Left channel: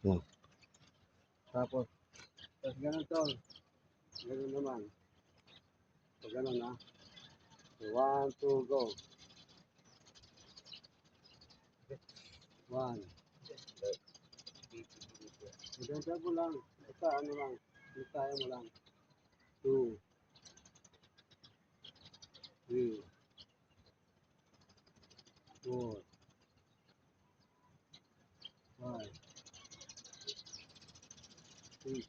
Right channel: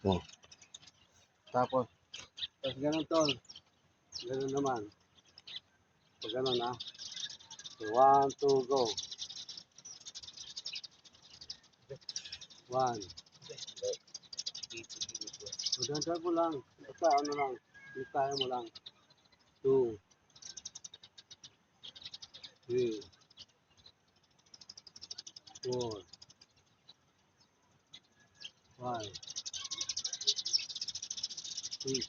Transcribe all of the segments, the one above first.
Oh. Tapos ganun tol. Ganun naman. So ganun na. So, 1, 2, go. 1. So, dandan mo lang. Basta ano lang. Kaya mo lang. 2, 3, 4, 5, 6,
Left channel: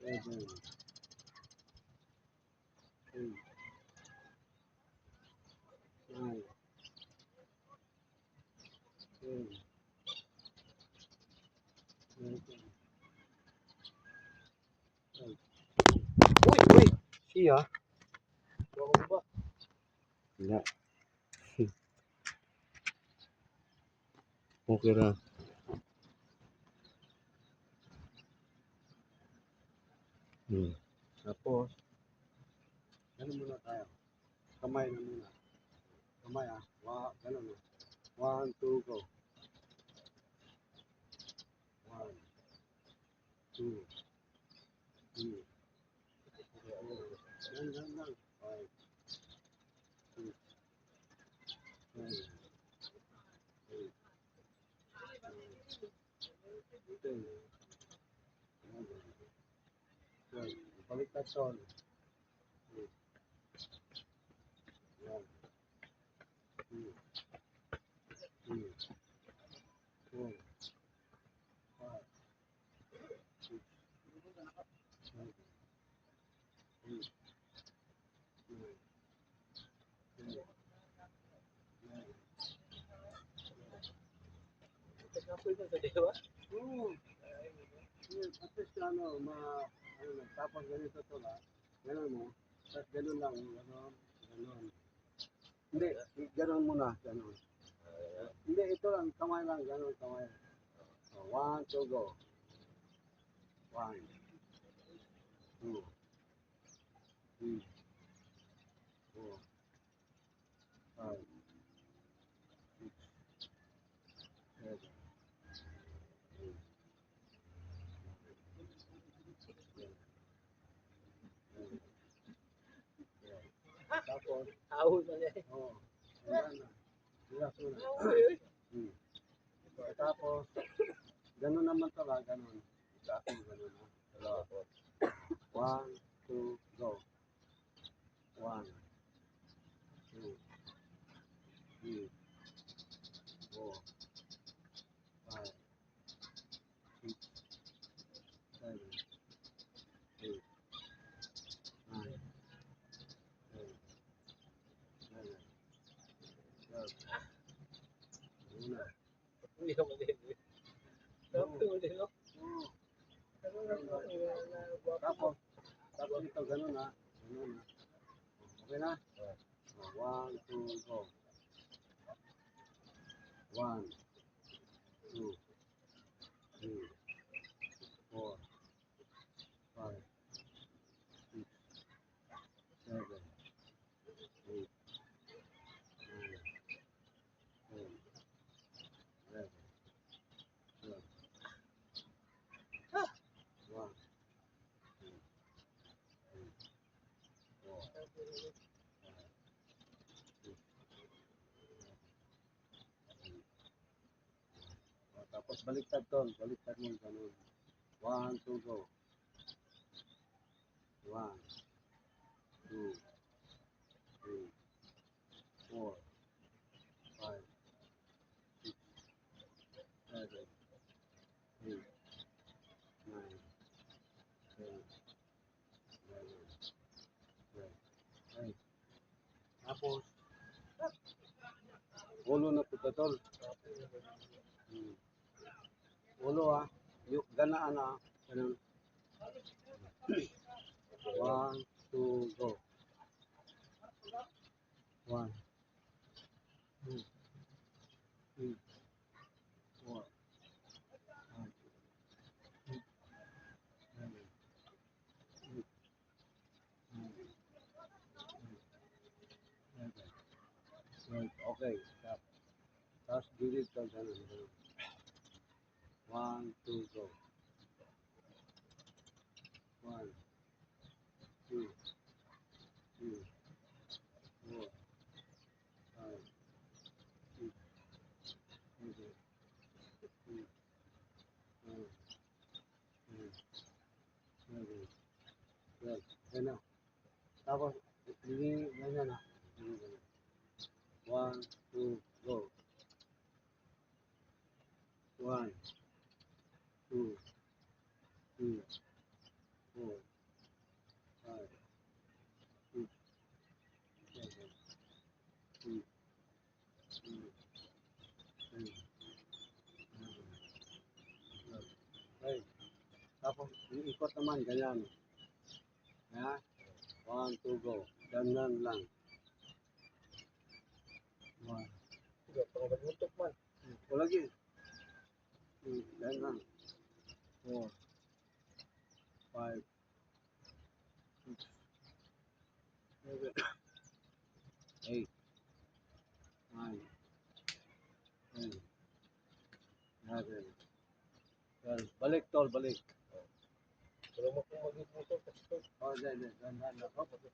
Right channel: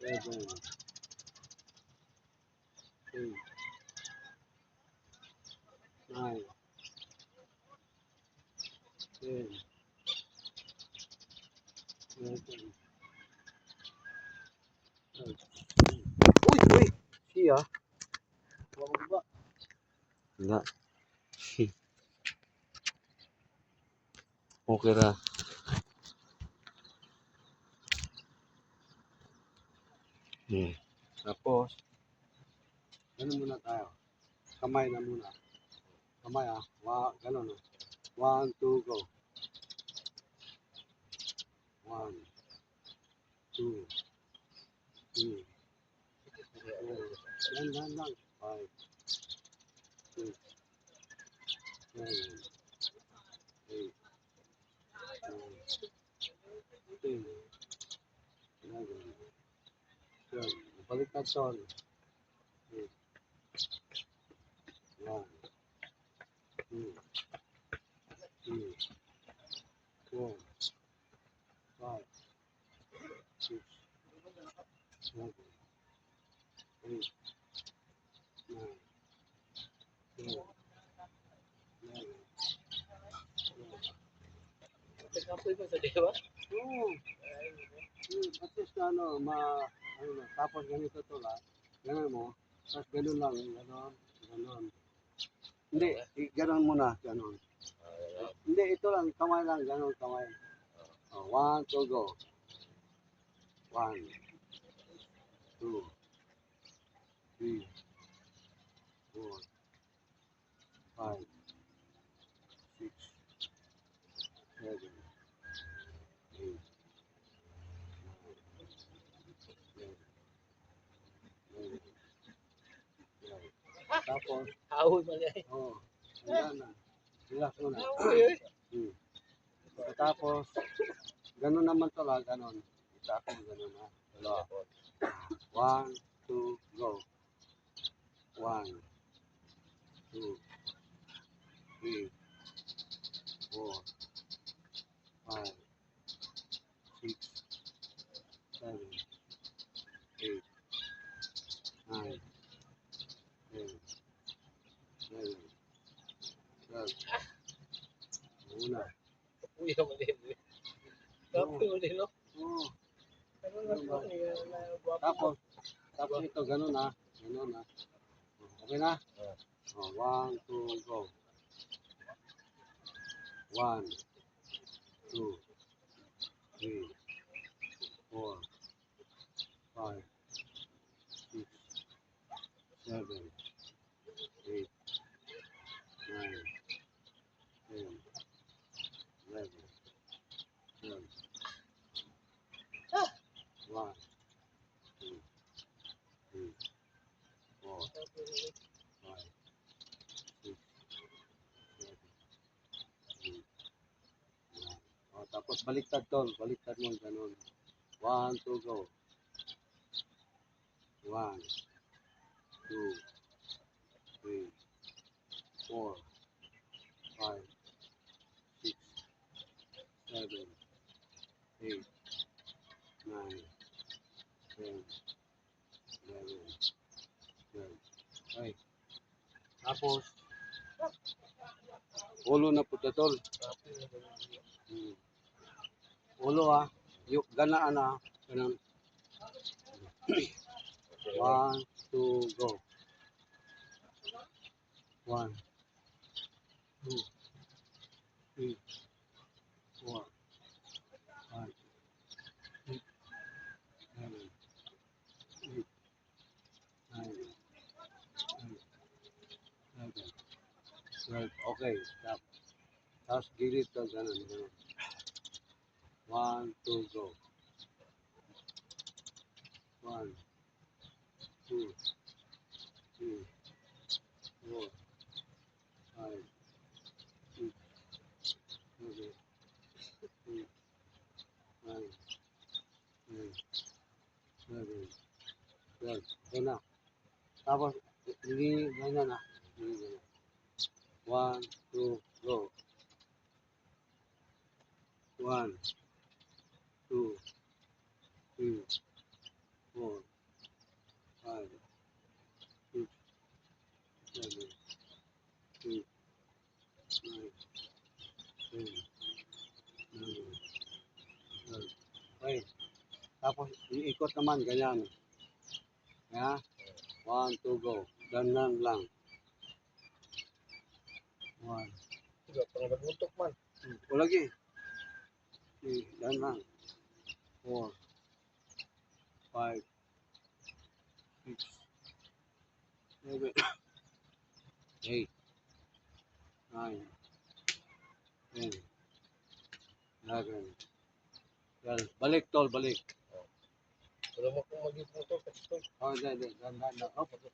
7, 8, 9, 10, 11, 12. Uy! Uy! Siya? Huwag mo ba? Wala. Okay na. Tapos, ganun muna tayo. Kamay na muna. Kamay ah. Ganun ah. 1, 2, go. 1, 2, 3, 4. Yan lang. 5, 6, 7, 8, 9, 10, 11, 12. Baliktad tol. 1, 2, 3, 4, 5, 6, 7, 8, 9, 10, 11, 12. Nagkapoy mo sa diwa? Oo. At least ano na, tapos ganito to lang. Ganun mo. Tapos ganun lang. Ganun. Ganun. Hindi, ganun muna. Ganun. Hindi, ito lang. Kamay lang. Ganun, kamay. Oh, 1, 2, go. 1, 2, 3, 4, 5, 6, 7, 8, 9, 10, 11, 12. Tapos, Ahoy man yan. handa na. Relax mo na. Ahoy. Tapos, ganun naman to lang. Ganun. Isa ako ganun ha. Dalawa. 1, 2, go. 1, 2, 3, 4, 5, 6, 7, 8, 9, 10, 11, 12. Una. Uy, ako din. Kapoy mo din, no? Oo. Ano na po? Tapos, tapos ito, ganun ha. Ganun ha. Okay na? 1, 2, go. 1, 2, 3, 4, 5, 6, 7, 8, 9, 10, 11, 12. 1, 2, 3, 4, 5, 6, 7, 8, 9. O, tapos baliktad tol. Baliktad mo ganun. 1, 2, go. 1, 2, 3, 4, 5, 6, 7, 8, 9, 10, 11, 12. Okay. Tapos, ulo na puta tol. Ulo ah. Yung ganaan ah. Ganun. 1, 2, go. 1, 2, 3, 4, 5, 6, 7, 8, 9, 10, 11, 12. Okay. Tapos gilid ka ganun. Ganun. 1, 2, go. 1, 2, 3, 4, 5, 6, 7, 8, 9, 10, 11, 12. Yan na. Tapos, hindi, ganyan na. Hindi, ganyan. 1, 2, go. 1, 2, 3, 4, 5, 6, 7, 8, 9, 10, 11, 12. Okay. Tapos, iikot naman, ganyan. Ya. 1, 2, go. Danan lang. 1. Tiga, pang magmutok man. O lagi. Dan lang. 4, 5, 6, 7, 8, 9, 10, 11, 12. Balik, tol, balik. Pero mo kung magmutok, kasi ito. Oh, dan lang. Oh, dan.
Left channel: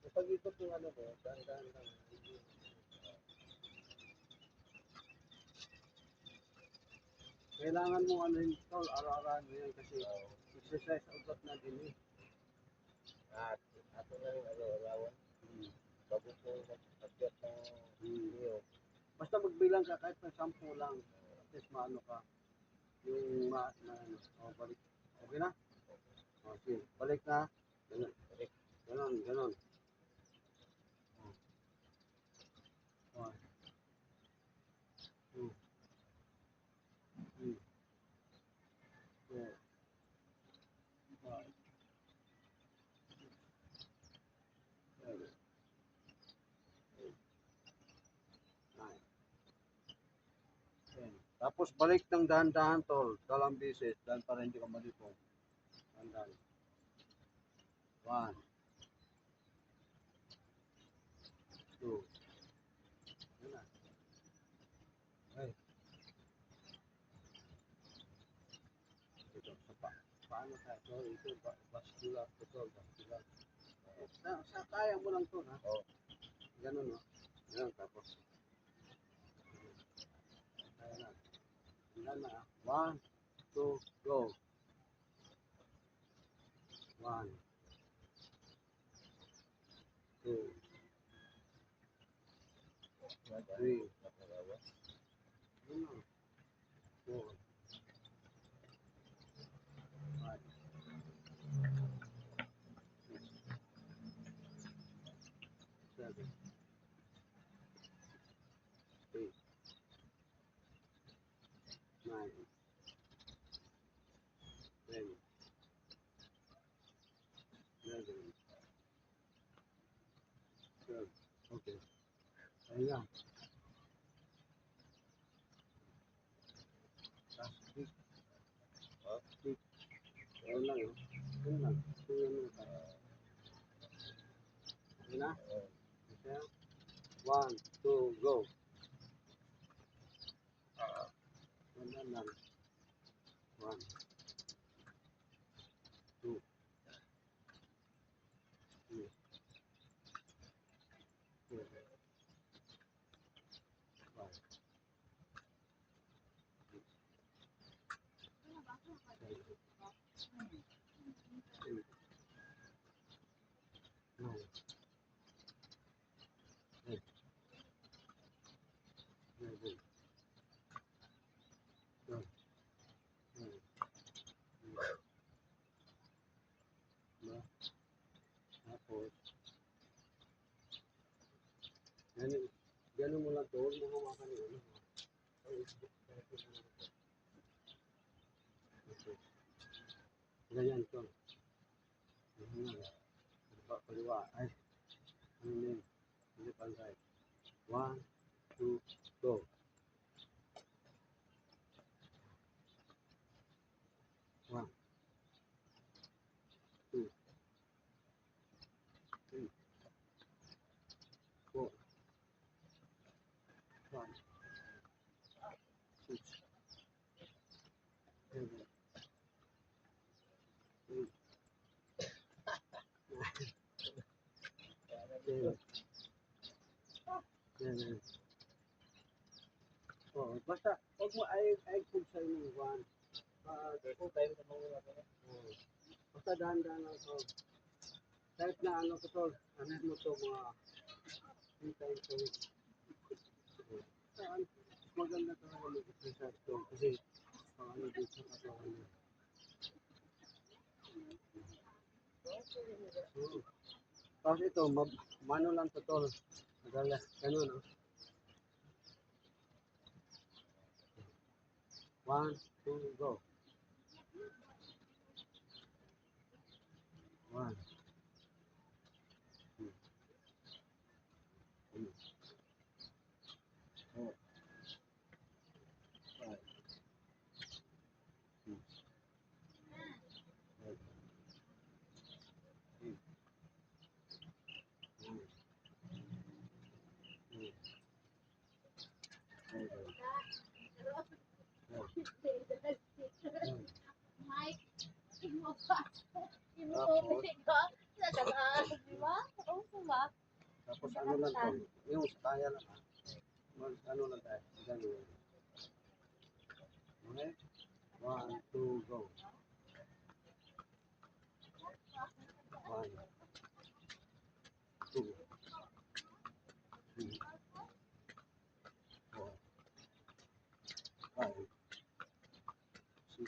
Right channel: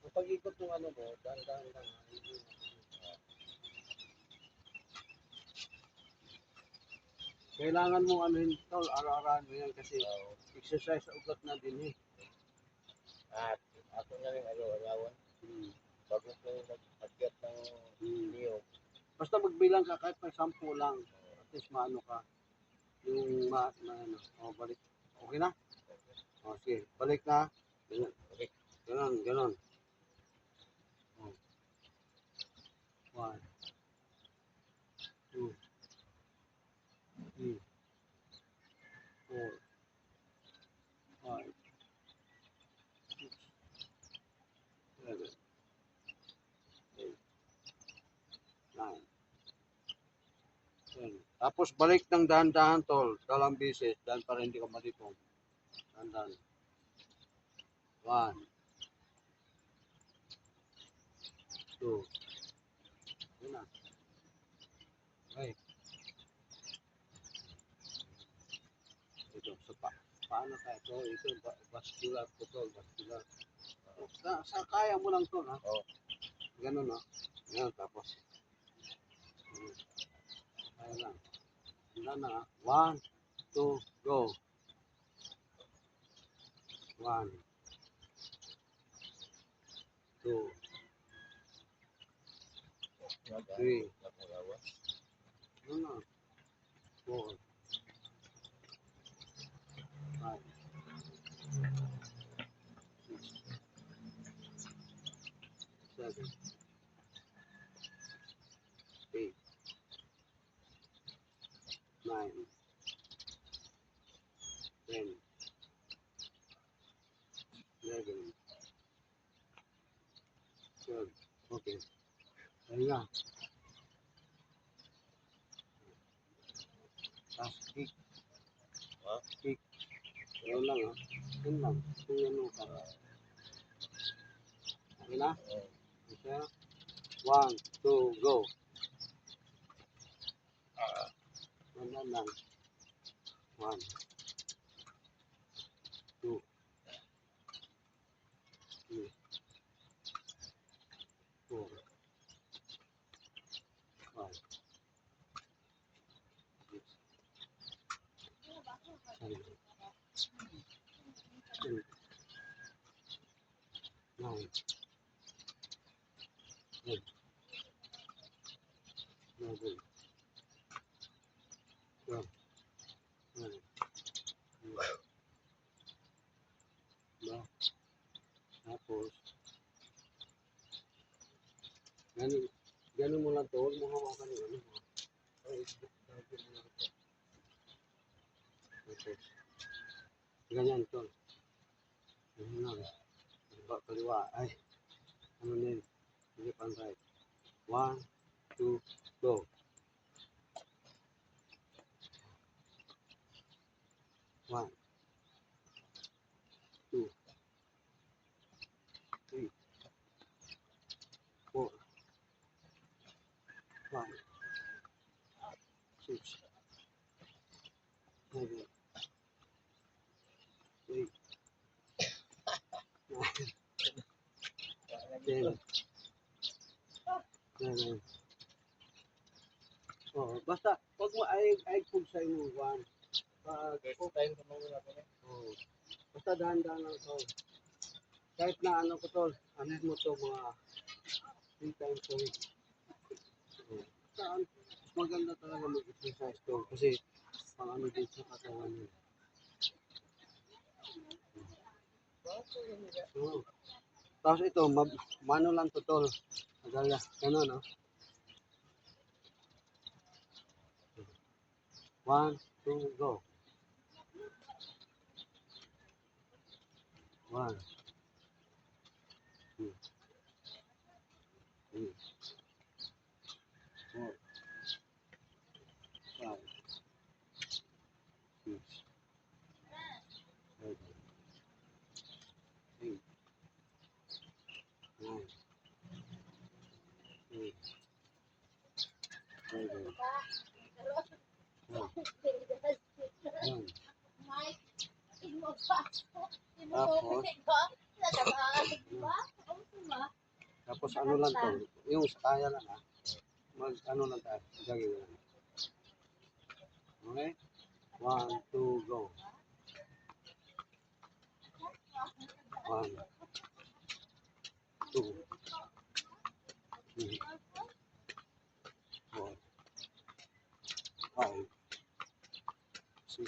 Ang pag-ikot ng ano mo, dahan-dahan lang. Kailangan mo ano yun, tol, araw-araw mo yan kasi exercise sa ugat na din eh. At ako na rin araw-arawan. Hmm. Bago ko mag-akyat ng niyo. Basta magbilang ka kahit may 10 lang. At least maano ka. Yung ano. Oh, balik. Okay na? Oh, sige. Balik na. Ganun. Balik. Ganon. Oh. 1, 2, 3, 4, 5, 6, 7, 8, 9, 10. Tapos balik ng dahan-dahan, tol. Dalang beses. Dahan para hindi ka malipong. Dahan-dahan. 1, 2. Yun na. Okay. Ito, paano tayo? Ito, vascular to, tol. Vascular. Sa kaya mo lang to, ha? Oh. Ganun, no? Ganun, tapos. Kaya lang. Handa na, ha? 1, 2, go. 1, 2, 3. Ano na? 4, 5, 6, 7, 8, 9, 10, 11, 12. Okay. Ayun nga. Tapos kick. Ha? Kick. Ayun lang, ha? Yun lang. Kung ano ka. Okay na? Okay na? 1, 2, go. Wala lang. 1, 2, 3, 4, 5, 6, 7, 8, 9, 10, 11, 12, 13, 14. Diba? Tapos, ganun mo lang to. Huwag mo hawakan yung ano. Ay, ganun mo lang to. Tapos, ganyan to. Ganyan lang. Kaliwa. Ay, ano na yun? Hindi pantay. 1, 2, go. 1, 2, 3, 4, 5, 6, 7, 8, 9, 10, 11. Oh, basta, pag mo ay kung sa inyo, 1. First time sa mga natin. Oh, basta dahan-dahan lang to. Kahit na ano ko to, ano mo to mga 3 times a week. Oh, saan? Maganda talaga mag-exercise to kasi pang ano din sa katawan niya. Oh. Tapos ito, mano lang to tol. Magaya, gano'n no? 1, 2, go. 1, 2, 3, 4, 5, 6, 7, 8, 9, 10, 11, 12, 1. Tapos ano lang to, yung sa kaya lang ha. Mag ano lang tayo, gagawin lang. Okay? 1, 2, go. 1, 2, 3, 4, 5, 6,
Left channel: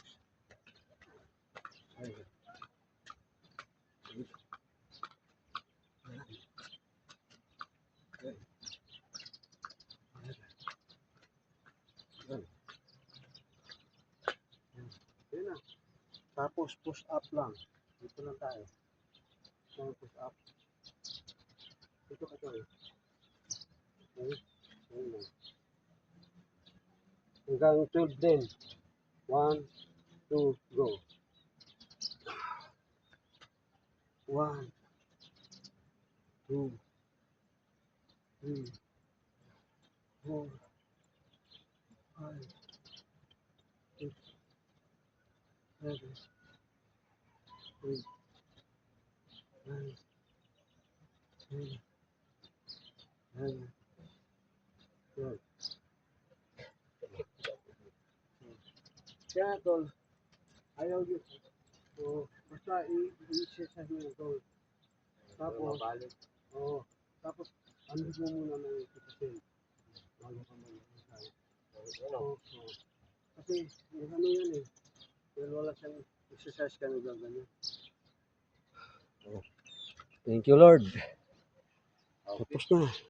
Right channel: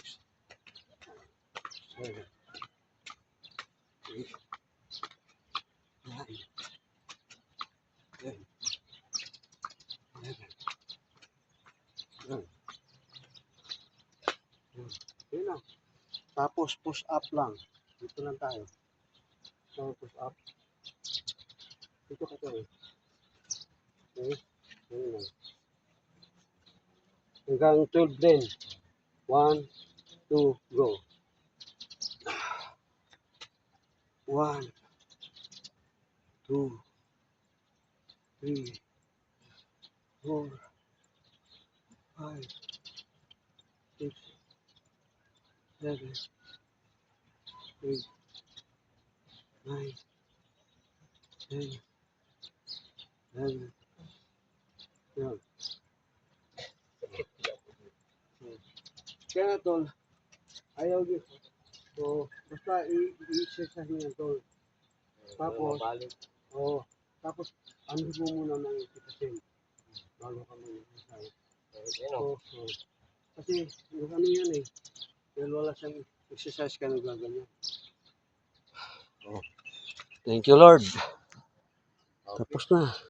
7, 8, 9, 10, 11, 12. Yun na. Tapos push up lang. Dito lang tayo. So, push up. Dito ka tayo. Okay? Yun lang. Hanggang 12 din. 1, 2, go. 1, 2, 3, 4, 5, 6, 7, 8, 9, 10, 11, 12. Kaya tol, ayaw yun. So, basta i-exercise nyo yan tol. Tapos, Balik. oo. Tapos, ano mo muna ng 80% bago ka mag-exercise. Ano? So, kasi, yung ano yan eh. Dahil wala siyang exercise ka nagaganyan. Thank you Lord. Tapos na.